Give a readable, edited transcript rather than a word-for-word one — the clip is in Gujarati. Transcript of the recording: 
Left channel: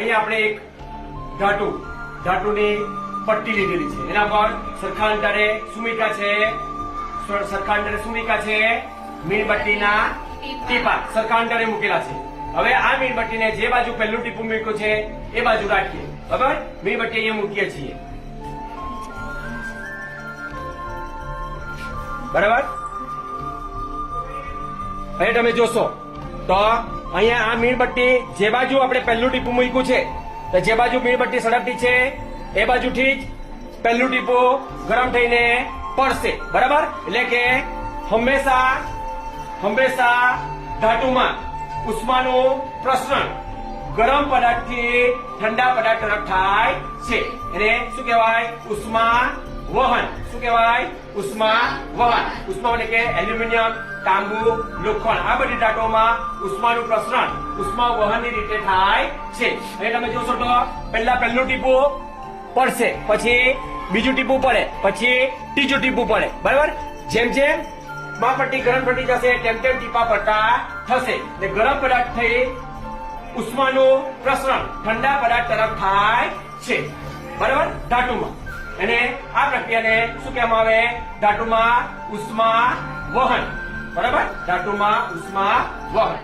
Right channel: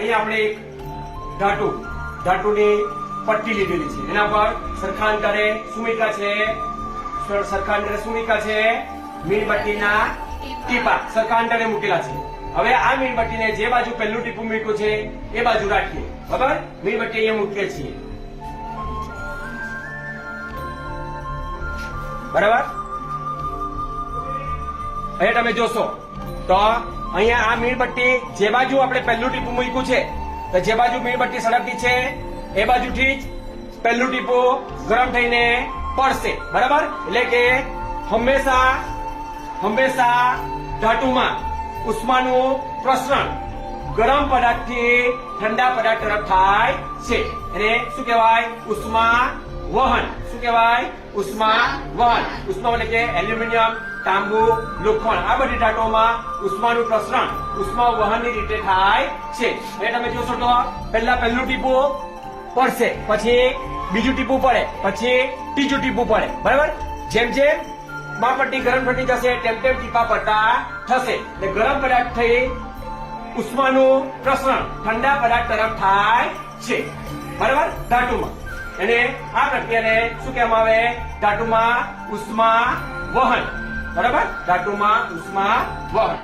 અહીંયા આપણે એક ધાતુની પટ્ટી લીધેલી છે, એના પર સરખા અંતરે સુમિકા છે, મીણબત્તીના ટીપા સરખા અંતરે મૂકેલા છે. હવે આ મીણબત્તીને જે બાજુ પહેલું ટીપું મૂક્યું છે એ બાજુ રાખીએ. બરાબર, મીણબત્તી અહીંયા મૂકીએ છીએ. બરાબર, હવે તમે જોશો તો અહીંયા આ મીણબત્તી જે બાજુ આપણે પહેલું ટીપું મૂક્યું છે, તો જે બાજુ મીણબત્તી સળગતી છે એ બાજુથી જ પહેલું ટીપું ગરમ થઈને પડશે. બરાબર, એટલે કે હંમેશા ધાતુમાં ઉષ્માનું પ્રસરણ ગરમ પદાર્થથી ઠંડા પદાર્થ તરફ થાય છે. એને શું કહેવાય? ઉષ્મા વહન. શું કહેવાય? ઉષ્મા વહન. ઉષ્મા એટલે કે એલ્યુમિનિયમ, તાંબુ, લોખંડ, આ બધી ધાતુઓમાં ઉષ્માનું પ્રસરણ ઉષ્મા વહનની રીતે થાય છે. હવે તમે જોશો તો પહેલું ટીપું પડશે, પછી બીજું ટીપું પડે, પછી ત્રીજું ટીપું પડે. બરાબર, જેમ પટ્ટી ગરમ થતી જશે તેમ ટીપા પડતા થશે. ગરમ પદાર્થ થઈ ઉષ્માનું પ્રસરણ ઠંડા પદાર્થ તરફ થાય છે. બરાબર, ધાતુમાં એને આ પ્રક્રિયાને શું કહેવામાં આવે? ધાતુમાં ઉષ્મા વહન. બરાબર, ધાતુમાં ઉષ્મા વહન.